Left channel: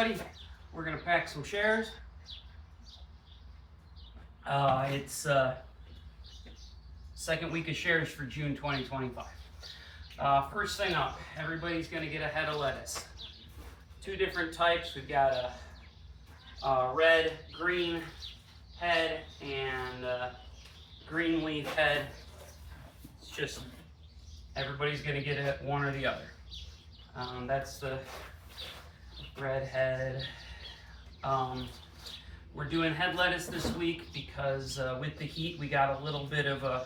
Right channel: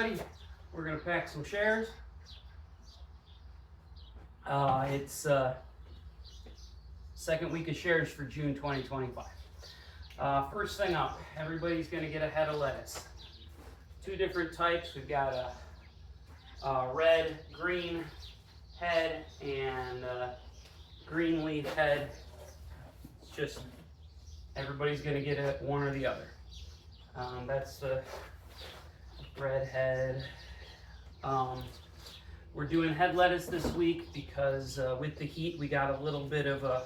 everybody. We're gonna pack some shares. It's second week of shares for June 2025. First thing up, everybody's gonna get a head of lettuce. Two different types. We've got a red, green head and green leaf head. It's just everybody's gonna get one or the other. That's the red head. We're doing head lettuce this week because with the heat we got a little bit of a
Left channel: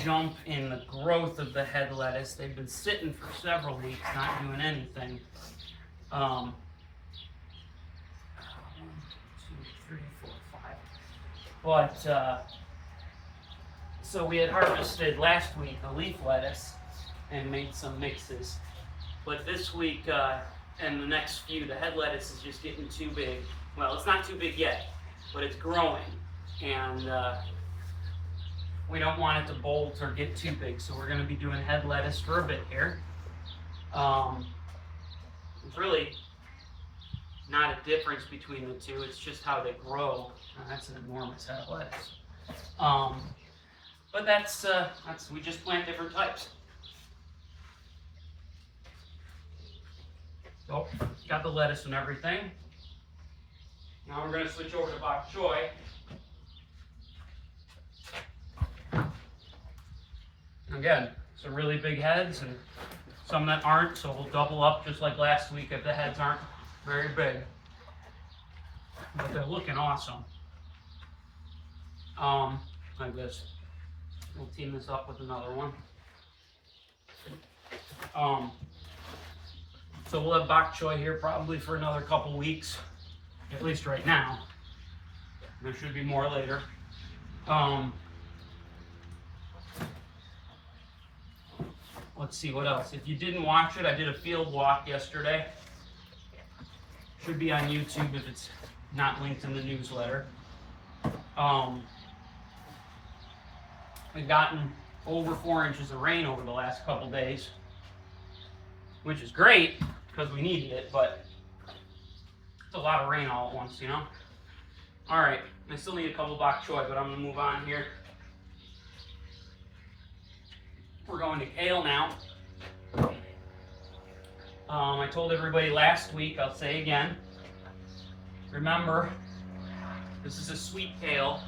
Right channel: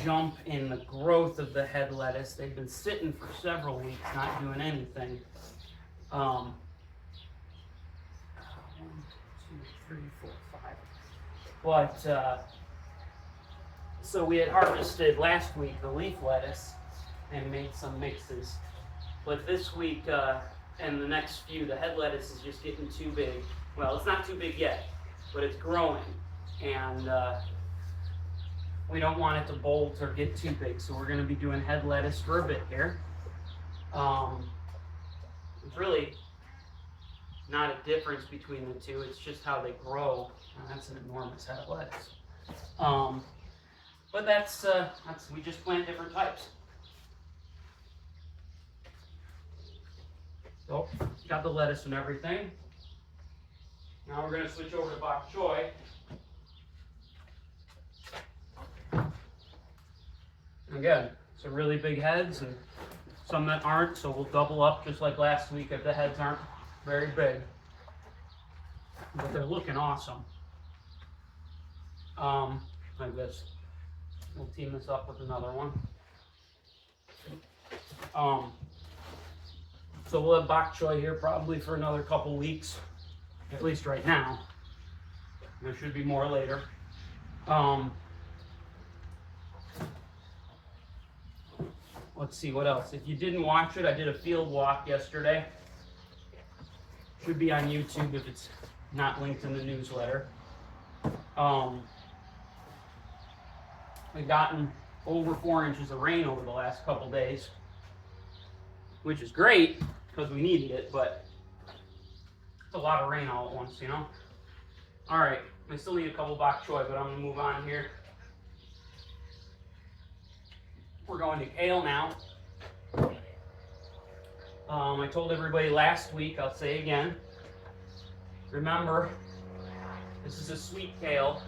jump in the growth of the head lettuce. They've been sitting for several weeks not doing anything. 1, 2, 3, 4, 5. But so we had harvested last week the leaf lettuce and made some mixes. But this week and the next few, the head lettuce is just getting too big. Well, it's not too big yet, but it's growing, and we don't want it to bolt or get too big, so we're going to be doing head lettuce for a bit here. It's really not a difference between the two, it's just how they grow. That's an enormous head of lettuce. But that's we just plant different types. So, got the lettuce and everything. Now we're going to switch over to bok choy. Again, some really big heads and some that aren't, so we'll double up just like last week if the heads aren't very big. But they're looking awesome. Like this. We'll team this up with another one. So we'll have bok choy here probably for another couple weeks, at least right now. There should be more later. Let's see what else. If you didn't watch it, I did a field walk yesterday. Should be on YouTube if it's not linked in the newsletter. We've gotten over 4 inches of rain over the last couple days, which is great because we needed it, but it's a lot of rain all at once, you know? All right, I still need a couple bok choy, but I'm gonna move on here. We're going to kale now. I told everybody last week, I'll say again, remember, this is a sweet kale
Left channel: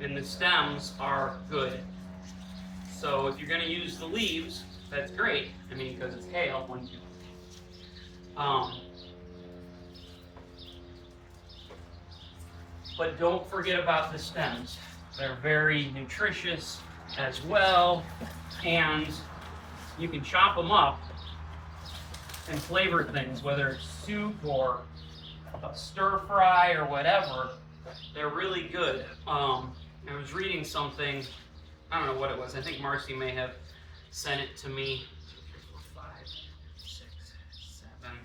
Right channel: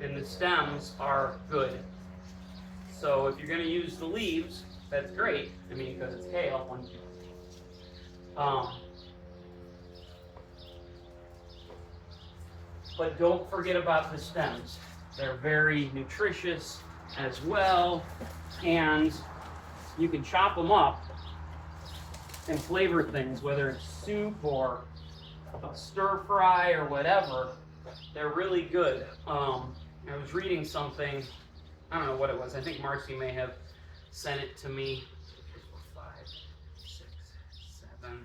and the stems are good. So if you're gonna use the leaves, that's great. I mean, because it's kale. But don't forget about the stems. They're very nutritious as well, and you can chop them up and flavor things, whether it's soup or a stir fry or whatever. They're really good. I was reading something, I don't know what it was. I think Marcy may have sent it to me. 2, 3, 4, 5, 6, 7,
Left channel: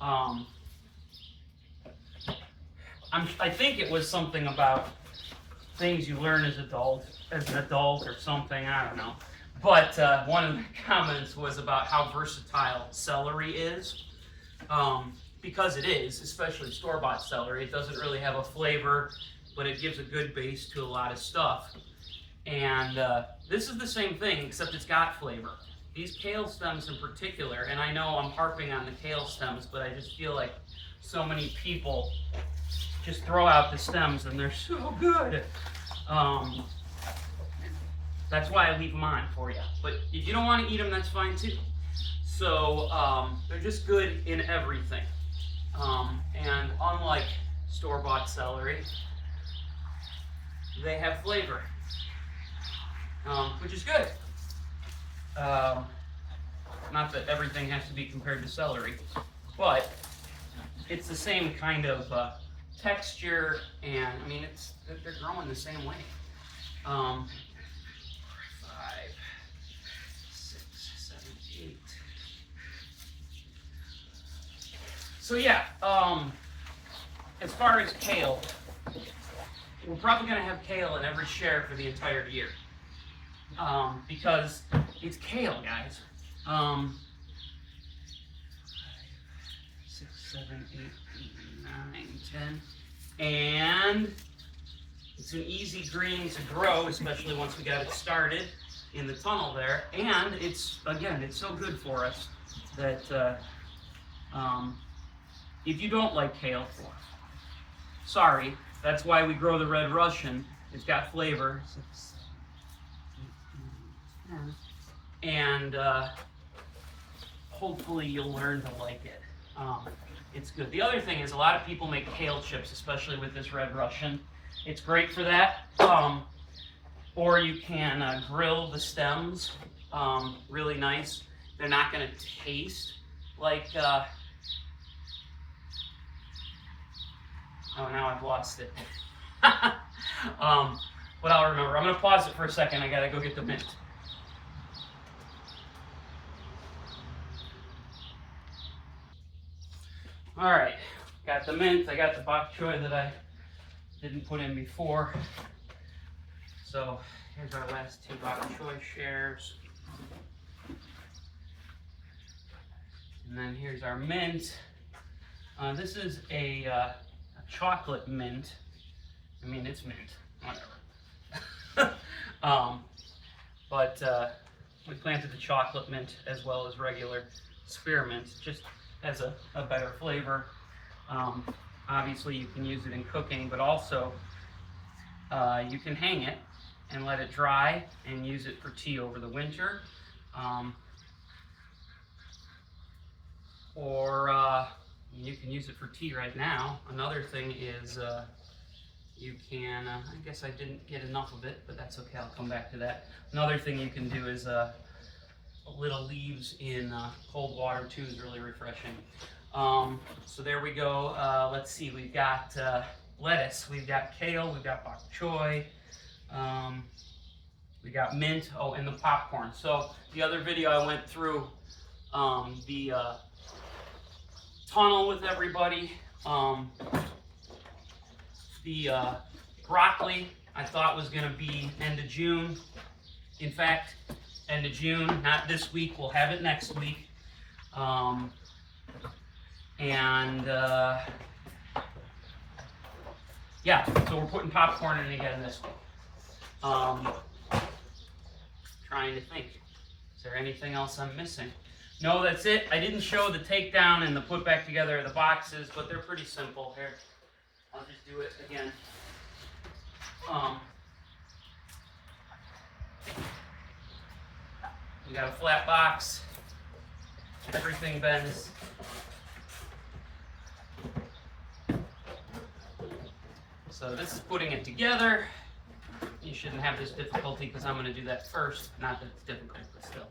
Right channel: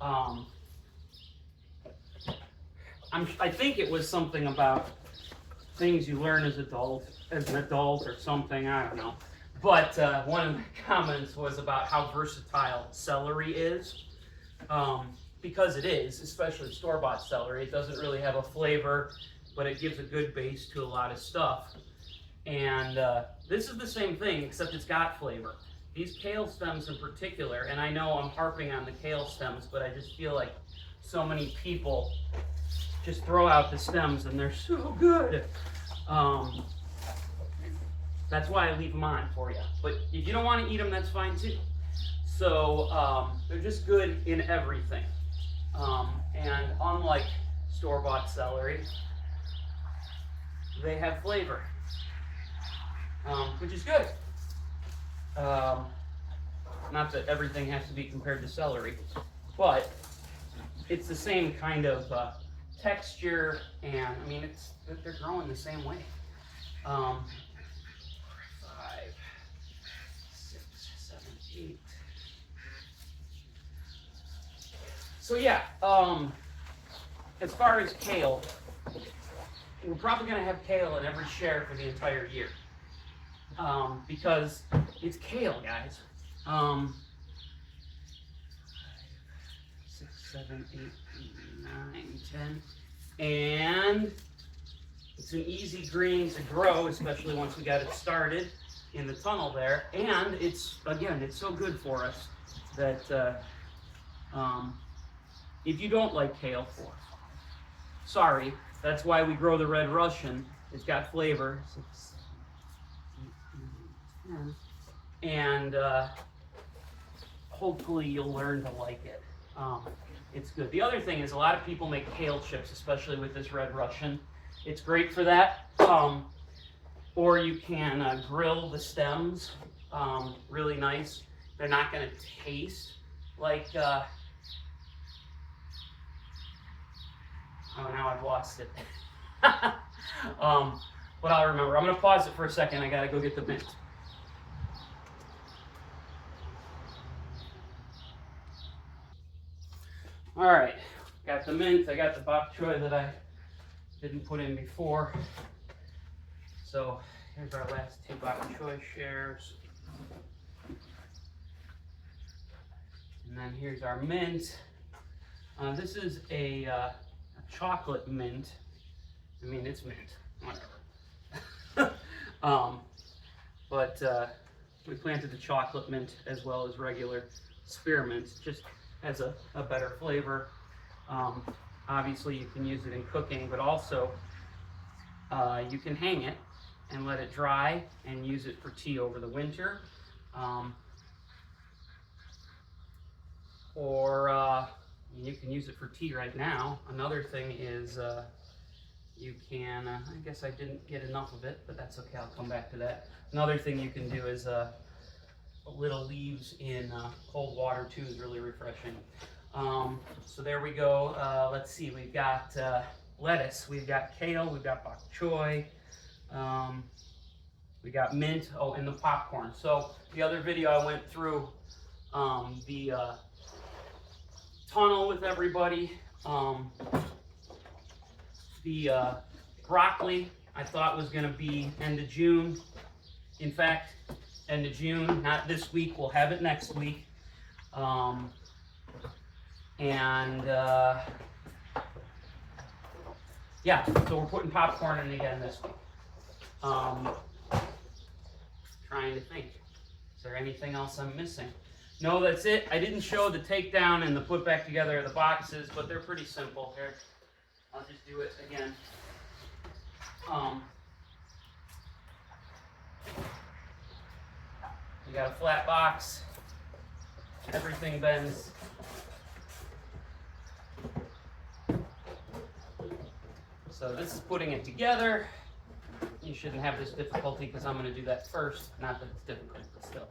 10. I think it was something about things you learn as an adult or something, I don't know. But one of the comments was about how versatile celery is. Because it is, especially store-bought celery, it doesn't really have a flavor, but it gives a good base to a lot of stuff. And this is the same thing, except it's got flavor. These kale stems in particular, and I know I'm harping on the kale stems, but I just feel like so many people just throw out the stems and they're so good. That's why I leave them on for you. But if you don't want to eat them, that's fine too. So they're just good in everything. And unlike store-bought celery, they have flavor, which is good. Not that everything has to be compared to celery, but it's the same kind of texture, and I mean, they're growing the same way. 5, 6, 7, 8. So yeah, as far as kale, we're probably going to have kale in every share for the entire year, because it's kale, guys. 7, 8, 9, 10. And it's an easy green to grow, especially once we got it started in the tunnel there. And it's, again, it's so good for us that if you don't like kale, sorry, that's why we grow the Red Russian. It's got flavor. 6, 7, 8, 9, 10. And hopefully you'll learn to like it. It's good. The other thing is a lot of people make kale chips, especially with this Red Russian. It's great for that. Or you can grill the stems really nice. They're not going to taste like, oh, now I've lost it. But I'll remember. I'm going to pause it for a second. I got to go get the mint. All right, got the mint. I got the bok choy that I didn't put in before. So here's our last 2 bok choy shares. And then here's our mint. This is a chocolate mint. I mean, it's mint, whatever. But we planted the chocolate mint as well as regular spearmint. Just has a better flavor. Obviously you can use it in cooking, but also you can hang it and let it dry and use it for tea over the winter. Or you can use it for tea right now. Another thing is you can, I guess I didn't get enough of it, but that's okay, I'll come back to that. Another thing you can do is little leaves in cold water too is really refreshing. So there we go. Let's see, we've got lettuce, we've got kale, we've got bok choy, we got mint, oh, and the popcorn. So the other video I went through the tunnel with everybody. The broccoli I thought was going to be end of June. In fact, end of June, not this week, we'll have it next week. Yeah, so we're putting popcorn in again this week. Trying to think, is there anything else I'm missing? No, that's it. I didn't show the takedown and the put back together of the boxes, but they're pretty simple. Here, I'll just do it again. We got a flat box. Everything bends. So this is putting it together. You shouldn't have this difficulty because I'm going to do that first. Not that it's difficult, but still.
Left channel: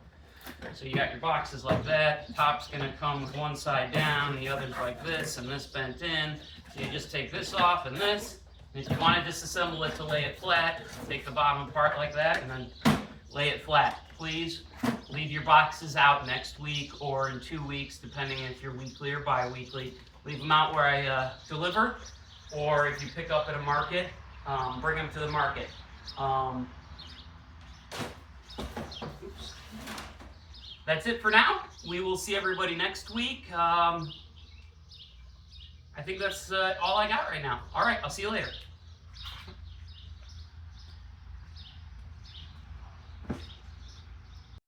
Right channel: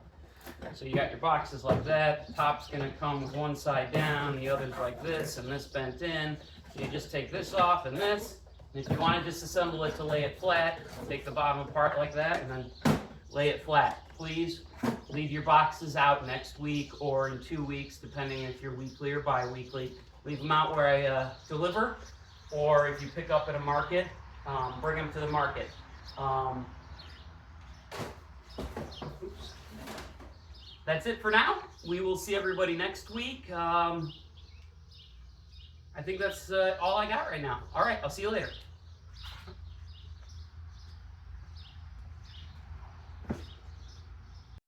So you got your boxes like that. The top's going to come with one side down, the other's like this, and this bent in. So you just take this off and this. And if you want to disassemble it to lay it flat, take the bottom apart like that and then lay it flat. Please leave your boxes out next week or in 2 weeks, depending if you're weekly or bi-weekly. Leave them out where I deliver, or if you pick up at a market, bring them to the market. Oops. That's it for now. We will see everybody next week. I think that's all I got right now. All right, I'll see you later.